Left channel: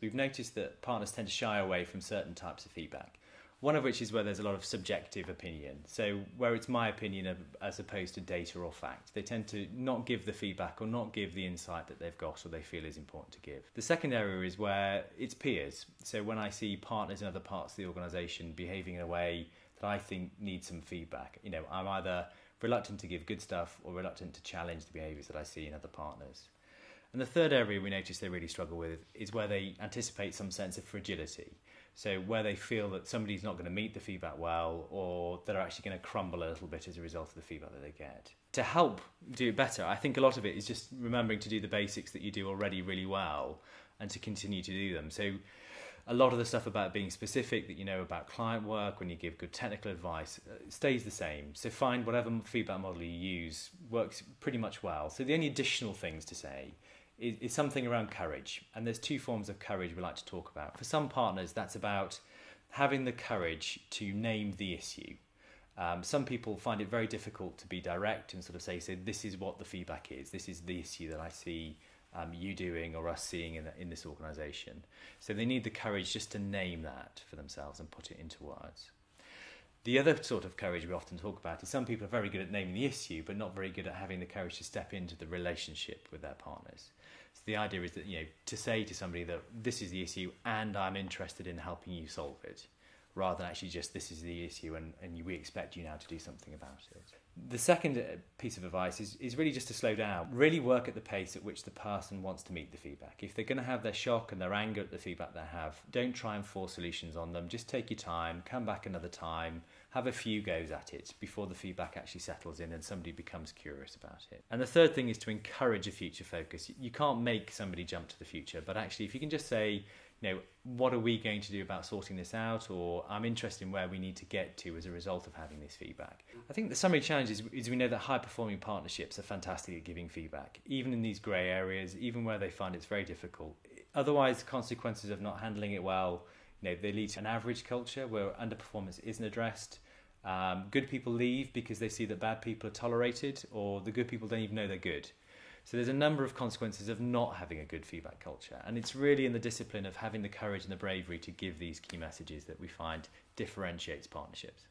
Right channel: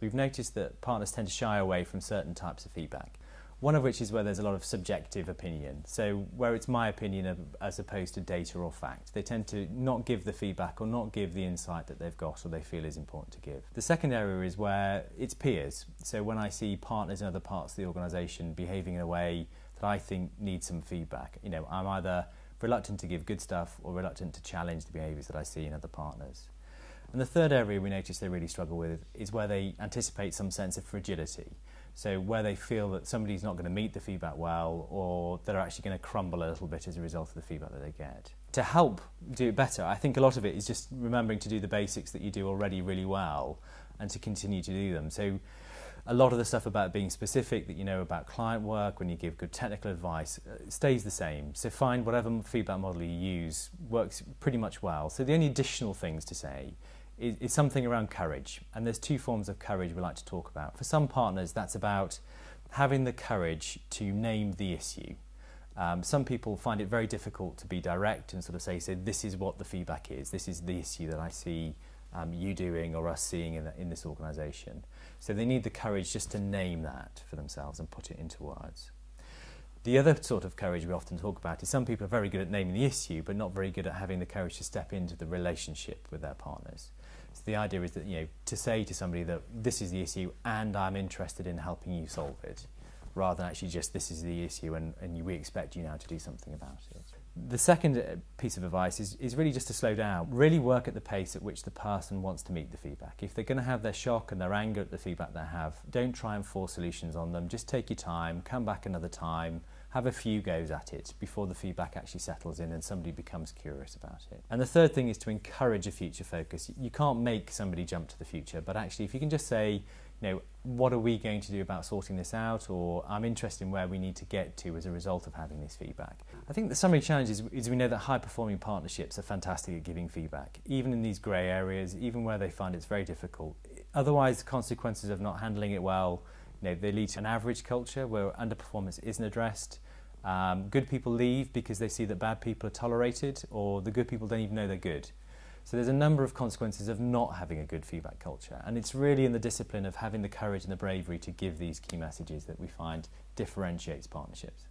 We've noticed that partners tend to shy away from certain types of feedback. One of which is where there's a lot of subjective opinion. So where it's my opinion as opposed to data or fact. They tend to not give the feedback or not give the insight that they've got or they feel is important to give. The second area is where it's peers. So when I see partners in other parts of the organisation behaving in a way that I think needs some feedback, I'm either reluctant to give good stuff or reluctant to challenge the behaviours that I see in other partners. And the third area we notice they really struggle with is where they anticipate some sense of fragility. So where they feel that somebody's not going to meet the feedback well, or they're actually going to crumble a little bit as a result of the feedback that they get. To help do it better, I think a lot of it is just remembering to do the basics that you do already really well and to continue to do them. So a lot of the stuff about being specific that you know about client work, when you give good technical advice, stays the same. So find whatever feedback model you use works pretty much well. So the only additional things to say is something around courage, and there's two forms of courage we like to talk about. For some partners, that's about having the courage to name the issue. Some people find it very difficult to be direct and sort of say this is what the feedback is, this is the issue that I see you doing or us seeing in this organisation. So they need the courage just to name that for themselves and put it into words. The other sort of courage we often talk about is some people are very good at naming the issue but not very good at having the courage to step into the relationship with their partners. So the idea is that, to say to somebody that this is the issue and I'm interested in helping you solve it, rather than actually just this is the issue and we expect you now to do something about it. The second piece of advice is really just to slow down. Really work at the pace at which the person wants to meet the feedback. If they're going to have their shock and their anger at the feedback they have, don't try and force solutions on them. Just take your time, come back another time, have a few goes at it before the feedback actually settles in and somebody becomes curious about it. And the third thing is to encourage a future focus. You can't make somebody jump to the future, but actually if you can just say, what are we going to do about sorting this out, or I'm interested in where we need to get to as a result of having this feedback. I think the summary challenge is we know that high-performing partnerships are fantastic at giving feedback, even in these grey areas, even where they find it's very difficult. Otherwise, the consequences of not handling it well, they lead to an average culture where underperformance isn't addressed. Good people leave because they see that bad people are tolerated, or the good people don't even know they're good. So there's a number of consequences of not having a good feedback culture, and it's really in the discipline of having the courage and the bravery to give these key messages that we find differentiates partnerships.